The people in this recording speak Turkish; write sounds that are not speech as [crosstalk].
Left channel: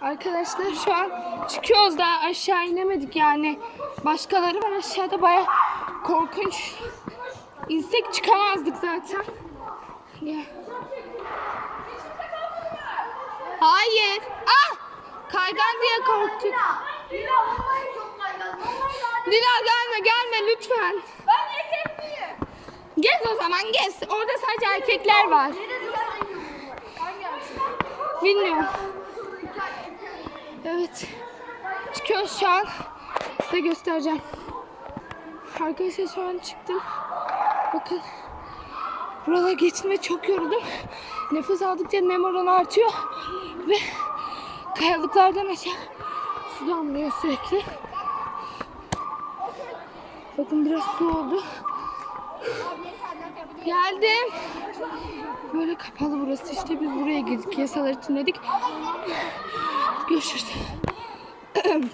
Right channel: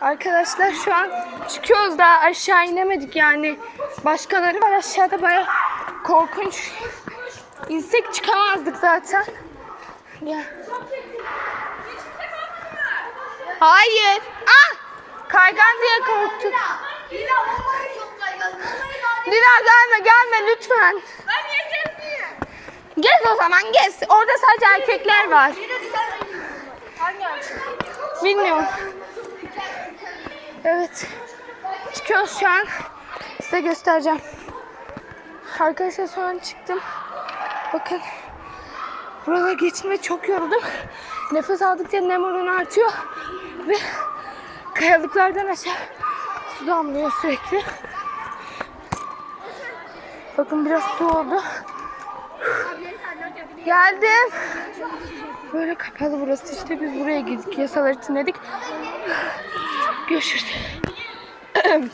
Arkadaşlar şu an çıkıyoruz daha aşağı inemedik yani. Başkaları var aşağıda baya korkunç. İnsek çıkamazdık zaten. Ya. Hayır. Ah! Kaygan diye korktuk. Dila gelme gelme lütfen. Gez o zaman gez. Orada sadece erkekler var. Bilmiyorum. Evet. Çıkıyoruz şu an. Size göstereceğim. Arkadaşlar sonra çıktım. Bakın. Burada geçme çok yorulduk. Nefes aldıkça nem oranı artıyor. Ve kayalıklardan aşağı su damlıyor sürekli. Bakın biraz su oldu. Geldim. Böyle kapalı burası işte biz buraya girdik. Yasalar için dedik. Görüşürüz. [clears throat]